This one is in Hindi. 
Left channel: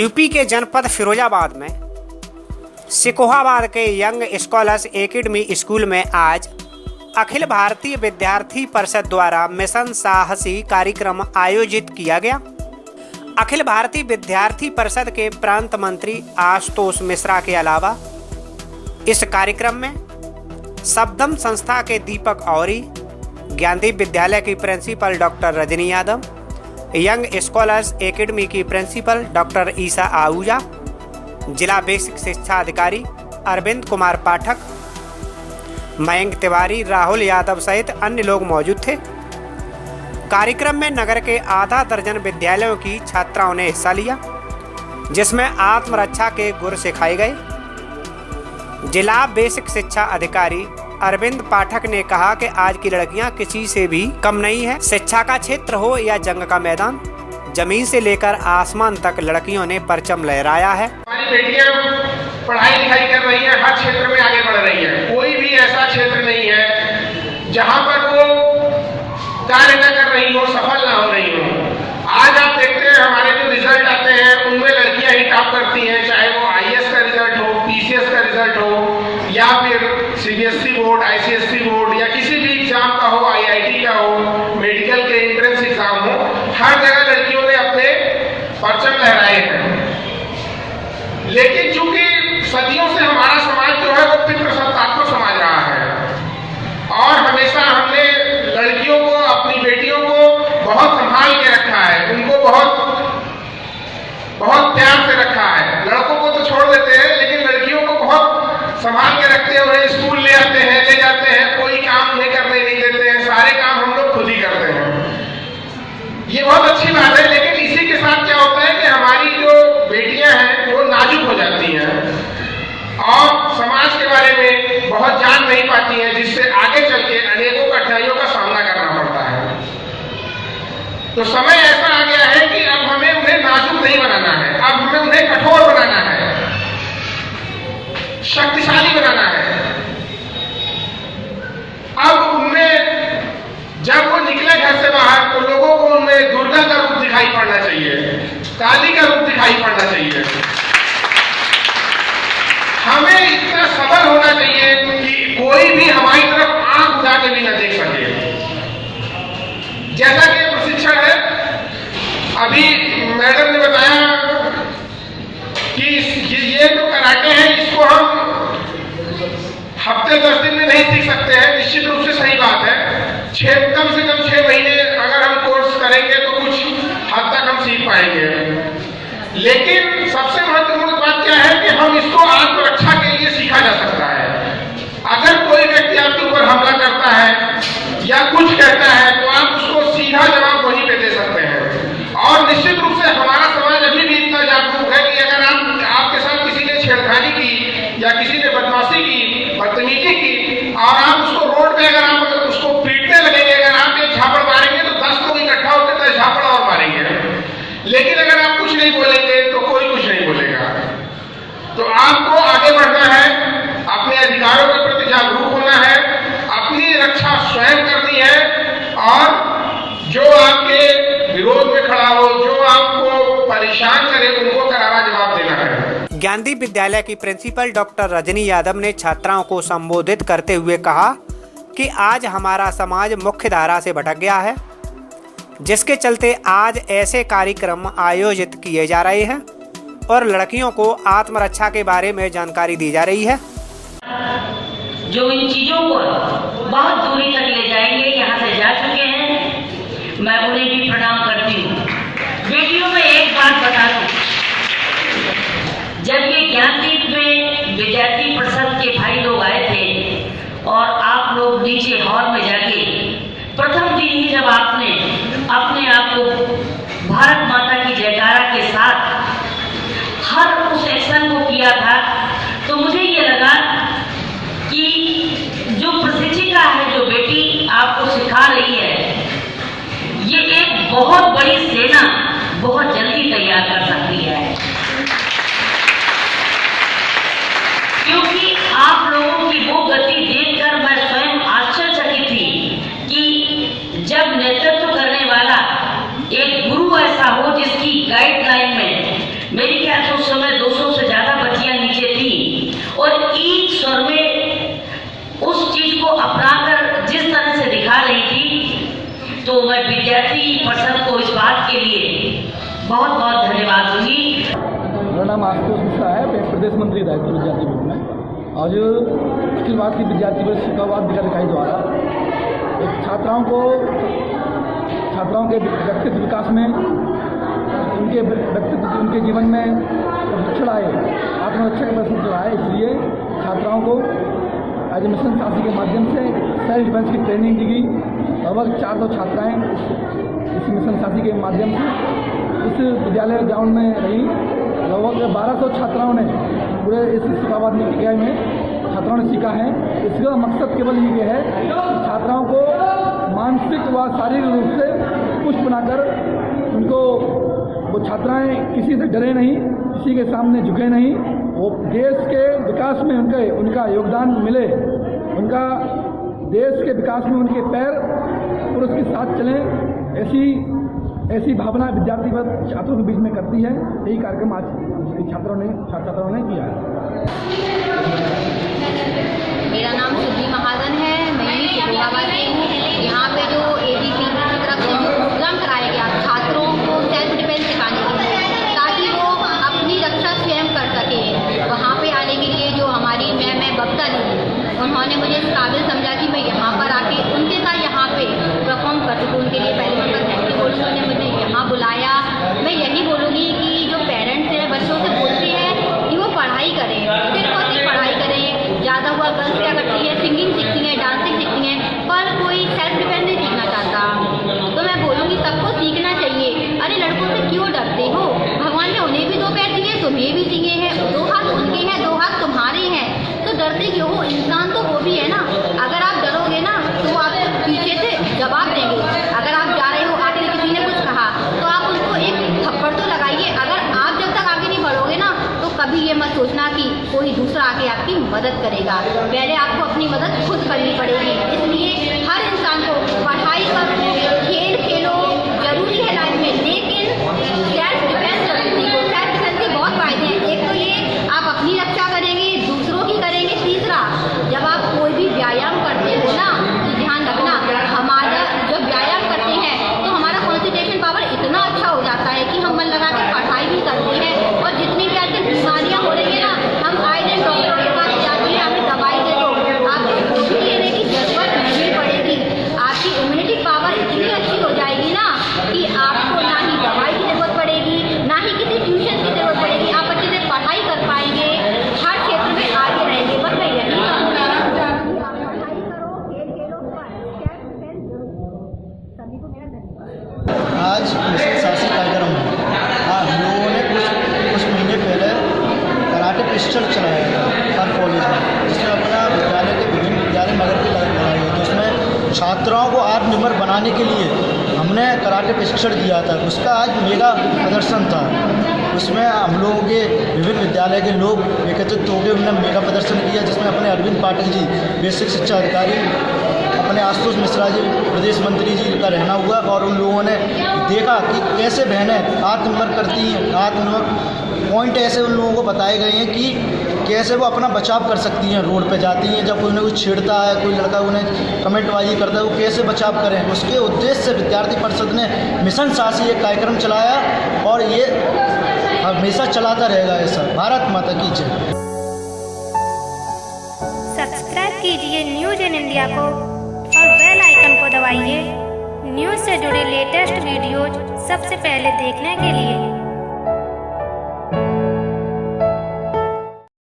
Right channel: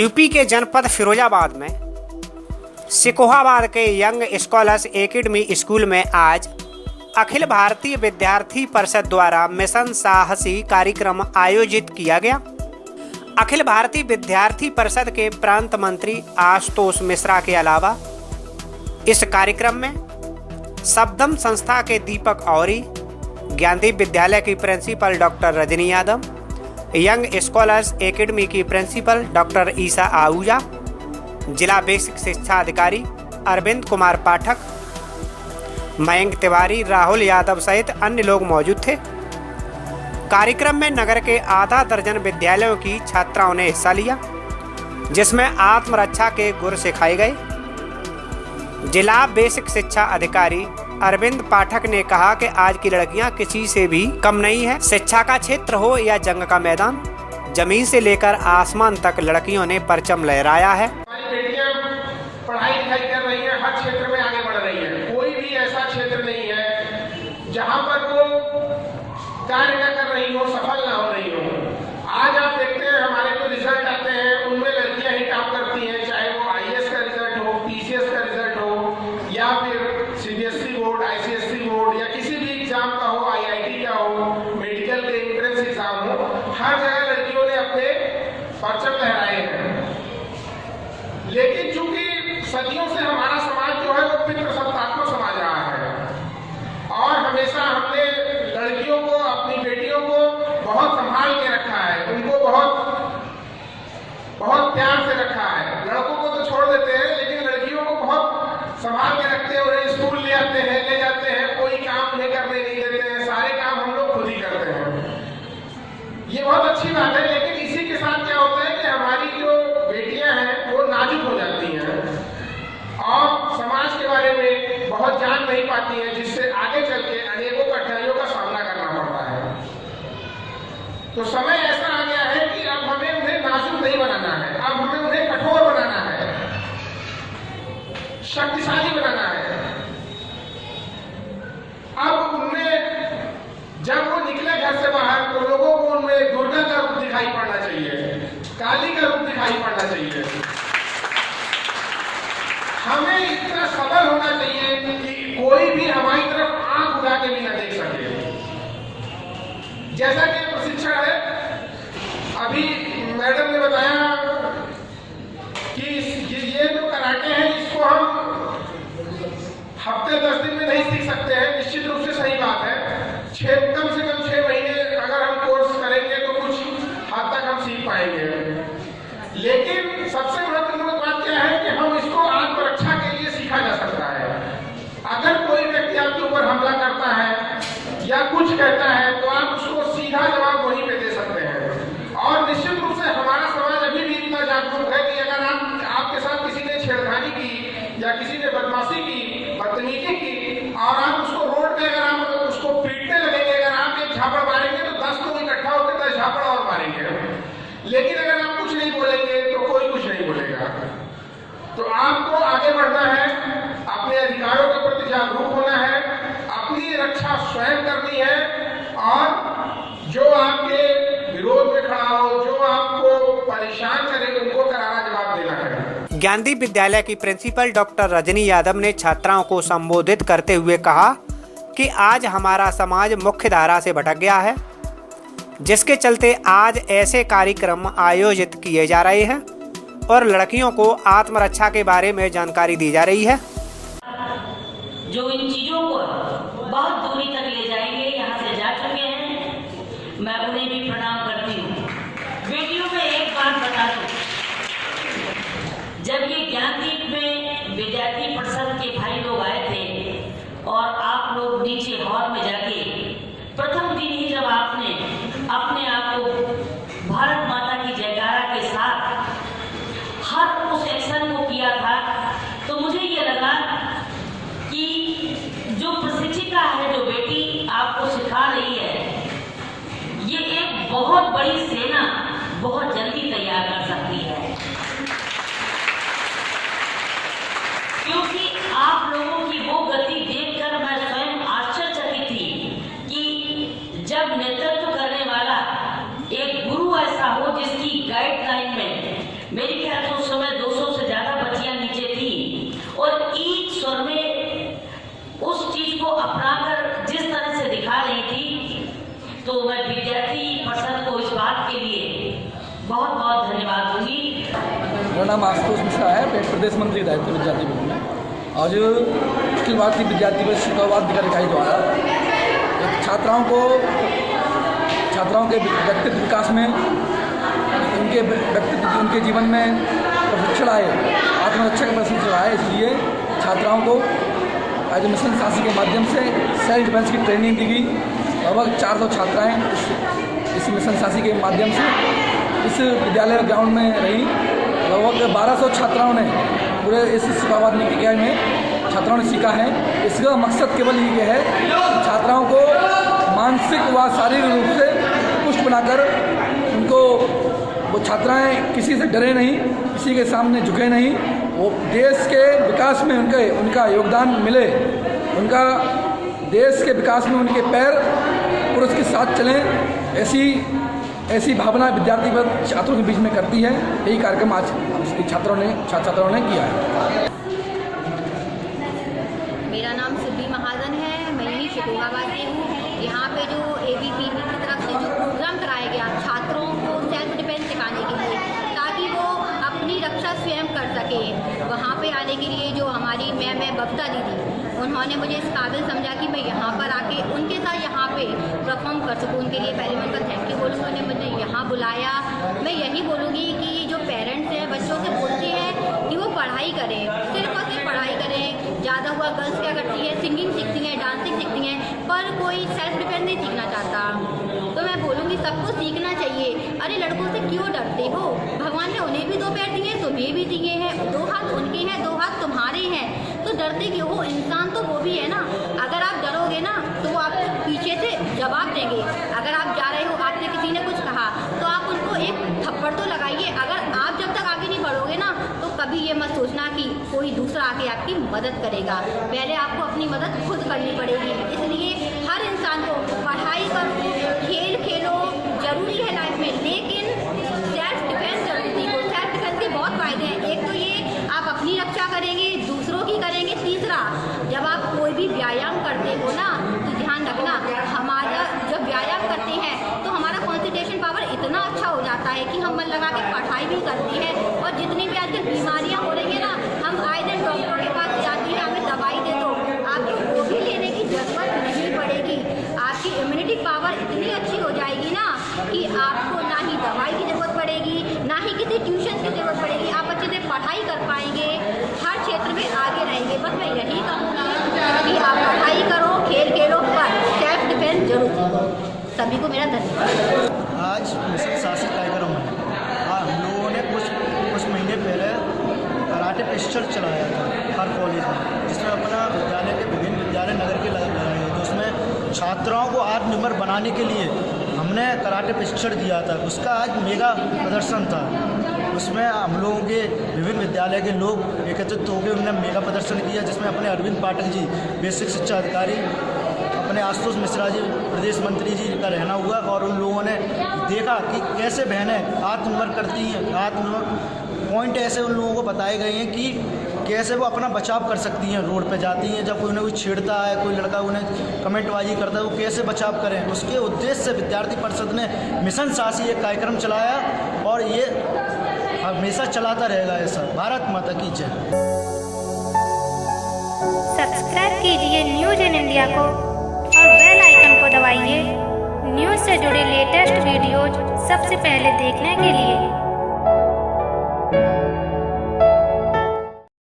यूपी के जनपद फिरोजाबाद में सिकोहाबाद के यंग स्कॉलर्स एकेडमी स्कूल में आज अखिल भारतीय विद्यार्थी परिषद द्वारा मिशन साहसी कार्यक्रम आयोजित किया गया। अखिल भारतीय विद्यार्थी परिषद के प्रांत मंत्री आशुतोष मिश्रा के अलावा इस कार्यक्रम में शब्दम संस्था के दीपक औरी, ज्ञानदीप विद्यालय की principal doctor Rajni Yadav, young scholars academy की प्रिंसिपल डॉक्टर ईसा आहूजा, जिला बेसिक शिक्षा अधिकारी अरविंद कुमार पाठक, मयंक तिवारी, राहुल यादव सहित अन्य लोग मौजूद थे। कार्यक्रम में नगर के आधा दर्जन विद्यालयों की छात्राओं ने हिस्सा लिया, जिसमें आत्मरक्षा के गुर सिखाए गए। जिला बेसिक शिक्षा अधिकारी अरविंद पाठक ने कहा कि आज की लड़कियां किसी से भी कम नहीं है। शिक्षा का क्षेत्र हो या जंग का मैदान, जमीन से लेकर आसमान तक लड़कियों ने परचम लहराया है। हमारी बेटियां पढ़ाई लिखाई कर रही हैं, हर क्षेत्र में आगे बढ़ रही हैं। कोई भी ऐसा क्षेत्र नहीं है जहां पर वो कार्य न कर रही हो, सफल ना हो रही हो। आज आप देखते हैं हमारे जो रिजल्ट आते हैं उनमें लड़कियां ही टॉप करती हैं, चाहे वो आईएएस का रिजल्ट हो, पीसीएस का रिजल्ट हो, या फिर सीबीएसई बोर्ड, आईसीएसई बोर्ड, या किसी भी एग्जाम का हो, आईआईटी का हो, मेडिकल के एंट्रेंस एग्जाम हो, हर जगह लड़कियों ने अपने परचम लहराए हैं। लेकिन चूंकि सदियों से हमारा समाज जो है वो पितृसत्तात्मक समाज रहा है और हमेशा हमने लड़कियों को, अपनी बेटियों को बहुत संभाल के रखा है, उनको बहुत प्यार से रखा है। लड़कों को तो छोड़ देते हैं, लेकिन लड़कियों को बहुत संभाल के रखते हैं, उन्हें स्कूल ले आते हैं, ले जाते हैं, कोई काम नहीं करने नहीं देते हैं, सारे काम हम लोग खुद ही करते हैं। ये बहुत अच्छी बात है, लेकिन इसी के साथ क्या होता है कि हमारी जो बेटियां हैं वो नाजुक हो जाती हैं और समाज के बारे में बहुत जान नहीं पाती हैं, जिससे आगे चल के अनेकों कठिनाइयों का सामना करना पड़ता है। तो समय ऐसा आ गया है कि अब हमें उन्हें नाजुक नहीं बनाना है, अब हमें उन्हें कठोर बनाना है, शक्तिशाली बनाना है। अब उनमें जब वो निकले घर से बाहर तो लोगों को उनमें दुर्गा का रूप दिखाई पड़ना चाहिए, काली का रूप दिखाई पड़ना चाहिए। हमें इतना सबल होना चाहिए कि कोई भी हमारी तरफ आंख उठा के भी न देख सके। जैसा कि प्रशिक्षण है, अभी मैडम ने बताया कि ये जो कराटे है इसको हम हफ्ते 10 दिन में नहीं सीख सकते हैं। निश्चित रूप से सही बात है, कम से कम 6 महीने अगर हम कोर्स करेंगे तो कुछ हद तक हम सीख पाएंगे। लेकिन सबसे महत्वपूर्ण बात क्या है कि हम इसको आत्मरक्षा के लिए सीखा जा सकता है। अगर कोई व्यक्ति आपके ऊपर हमला करता है या कुछ कहता है तो आप उसको सीधा जवाब वहीं पे दे सकते हैं। और निश्चित रूप से हमारा समाज अभी भी इतना जागरूक है कि अगर आपके साथ किसी ने छेड़खानी की या किसी ने बदमाशी की, बदतमीजी की और आप उसको रोड पे अगर आप उसको पीटने लगेंगे, अगर आप एक झापड़ मारेंगे तो 10 लोग इकट्ठा होकर 10 झापड़ और मारेंगे। लेकिन अगर आप कुछ नहीं बोलेंगे तो कोई कुछ नहीं बोलेगा। तो आपको आगे बढ़ना है, अपने अधिकारों के प्रति जागरूक होना है, अपनी रक्षा स्वयं करनी है और जो आपके विरोध में खड़ा हो, जो आपको परेशान करे, उनको करारा जवाब देना है। ज्ञानदीप विद्यालय की प्रिंसिपल डॉक्टर रजनी यादव ने छात्राओं को संबोधित करते हुए कहा कि आज हमारा समाज मुख्य धारा से भटक गया है, जिसके चलते आज ऐसे कार्यक्रम आयोजित किए जा रहे हैं और लड़कियों को आत्मरक्षा के बारे में जानकारी दी जा रही है। जो इन चीजों को बहुत दूरी तक ले जाएंगे, यहाँ से जा चुके हैं, मैं उन्हें भी प्रणाम करती हूँ। वीडियो में एक बात बता दूं, जब ये ज्ञानदीप में विद्यार्थी परिषद के भाई लोग आए थे और आप लोग नीचे हॉल में जाके प्रथम दिन ही जब आपने अपने आप को भारत माता की जयकारा के साथ हर उस एक्शन को किया था, तो मुझे ये लगा कि जो प्रशिक्षिका है, जो बेटी आपको सिखा रही है, ये एक बहुत बड़ी सेना बहुत जल्दी तैयार कर सकती है। क्योंकि आप लोगों की वो गति देखकर मैं स्वयं आश्चर्यचकित थी कि जब नेतृत्व करने वाला एक गुरु ऐसा हो जिसकी गाइडलाइन में मेरे ख्याल विद्यार्थी परिषद को इस बात के लिए बहुत बहुत धन्यवाद दूंगी। मेरा नाम आशुतोष मिश्रा है, प्रदेश मंत्री दायित्व विद्यार्थी विभाग में। आज अखिल भारतीय विद्यार्थी परिषद शिकोहाबाद जिला इकाई द्वारा एक छात्राओं के व्यक्तित्व विकास में, उनके जीवन में प्रशिक्षण आए, आत्मरक्षा का प्रशिक्षण आए, इसलिए छात्राओं को आज मिशन साहसी के माध्यम से सेल्फ डिफेंस की ट्रेनिंग दी गई। लगभग 400 छात्राएँ इस मिशन साहसी के माध्यम से इस विद्यालय ग्राउंड में रही। लगभग 1200 छात्राओं ने पूरे इस शिकोहाबाद इकाई में छात्राओं ने सीखा है। इसका मकसद केवल ये है कि छात्राओं को मानसिक व शारीरिक रूप से पुष्ट बनाकर उनको, वो छात्राएं किसी से डरे नहीं, किसी के सामने झुके नहीं, वो देश के विकास में उनका योगदान मिले, उनका देश के विकास में उनके पैर पुरुष के साथ चलें, ऐसी भावना विद्यार्थी वर्ग छात्रों के बीच में करती है। यही कार्यक्रम आज छात्रों ने किया है। मेरा नाम शुद्धि महाजन है, मैं ही शिकोहाबाद की हूँ। यहाँ पे जो ADP की तरफ से जो प्रोग्राम कराया गया छात्रों को सेल्फ डिफेंस सिखाने के लिए, ताकि वो अपनी रक्षा स्वयं कर सके, वहाँ पे आने के लिए जो हमारी मैम बबता दीदी, उन्होंने मुझे इस काबिल समझा कि मैं यहाँ पर आके उनके साथ यहाँ पे परफॉर्म कर सकूँ। उनके लिए पहले मैं उनका थैंक यू बोलूँगी, उन्होंने मुझे यहाँ बुलाया। मैं यही बोलूँगी कि जो पेरेंट्स हैं बच्चों से बोलते हैं कि वो पढ़ाई करें, सिर्फ और सिर्फ पढ़ाई करें। ज़्यादा हुआ गर्ल्स क्या करती है, सिंगिंग सीखती हैं, डांसिंग सीखती हैं, पर कोई सेल्फ डिफेंस नहीं सीखना चाहता। तो मैं बोलूँगी सबको सीखना चाहिए। अरे लड़कों से क्यों डरते हो? भगवान ने उन्हें भी 2 पैर दिए, तुम्हें भी दिए हैं, 2 हाथ उनके हैं, 2 हाथ तुम्हारे हैं, तो डरते क्यों हो? इंसान तो वो भी है ना। अगर आप डरोगे ना तो वो आपको पीछे से जवाब देंगे। अगर आप जा रहे हो, आपने किसी ने कुछ कहा तो आप उनको एक थप्पड़ तो लगाइए। अगर आप जब तक आगे नहीं बढ़ोगे ना तो कभी ये मत सोचना कि कोई दूसरा आके आपकी मदद करेगा। पहले आपको अपनी मदद खुद करनी पड़ेगी। इसलिए हर इंसान को पढ़ाई करो, खेल खेलो, जरूरी है लाइफ में, लेकिन सेल्फ डिफेंस जरूरी सीखो। सेल्फ डिफेंस के बहुत फायदे हैं। एक तो ये आप अपनी रक्षा करेंगे, दूसरों की करेंगे। तीसरा, जब आप कोई भी व्यायाम करते हो ना तो ध्यान रखना, हमारा जब व्यायाम करते हैं तो हमारा कॉन्सेंट्रेशन पावर इतना अच्छा हो जाता है कि हम मन लगा के पढ़ाई भी करते हैं। और जितनी भी आजकल बीमारियाँ हो रही है ना, हम आए दिन डॉक्टरों के पास जाते हैं, हमें दवाई दे दो, आपको वो भी लेने की जरूरत नहीं पड़ेगी। आपकी इम्यूनिटी पावर इतनी अच्छी हो जाएगी ना कि आपको ना ही दवाई की जरूरत पड़ेगी, ना ही किसी ट्यूशन की जरूरत पड़ेगी। आप अच्छे से पढ़ाई कर पाएंगे, हर क्षेत्र में आगे रहेंगे। बस मैं यही कहूँगी कि आप पढ़ाई करो, खेल खेलो, पर सेल्फ डिफेंस जरूर सीखो। सभी को मेरा धन्यवाद। आज मिशन साहसी कार्यक्रम है। हाँ, हम लोगों ने कुछ महीने पहले कराटे प्रशिक्षण चलाया था हर कॉलेज में, जिसमें अपना विद्यालय के विभिन्न विद्यालय नगर के लगाए गए, तो उसमें छात्राओं को आत्मनिर्भर बनाने के लिए हमने कराटे प्रशिक्षण दिया था। उसका आज मेगा प्रदर्शन था। उसमें हम लोगों के विभिन्न विद्यालय के लोग एकत्रित होकर उन्होंने मेगा प्रदर्शन किया, जिसमें अपने अरविंद पाठक जी बेसिक शिक्षा अधिकारी, अपने आशुतोष मिश्रा जी प्रदेश मंत्री जी का रहना हुआ, और उन लोगों ने देखा कि कैसे बहनें आत्मनिर्भर करती हैं। आत्मनिर्भर पॉइंट ऐसे उन लोगों को बताए गए हैं कि कैसे वो अपना बचाव कर सकती हैं। रोड पे जाती हैं, जब कोई उन्हें कुछ छेड़ता है, कोई लड़का उन्हें कमेंटबाजी करता है, वो कैसे बचाव करें। उसके उद्देश्य से विद्यार्थी परिषद ने मिशन साहसी एक कार्यक्रम चलाया, और ये हमेशा चलाता रहेगा ऐसा। भारत माता की जय। सब्सक्राइब कीजिए न्यूज़ इन इंडिया को और बेल आइकन को दबाइए न्यूज़ से जुड़े लेटेस्ट वीडियोज सबसे पहले देखने के लिए।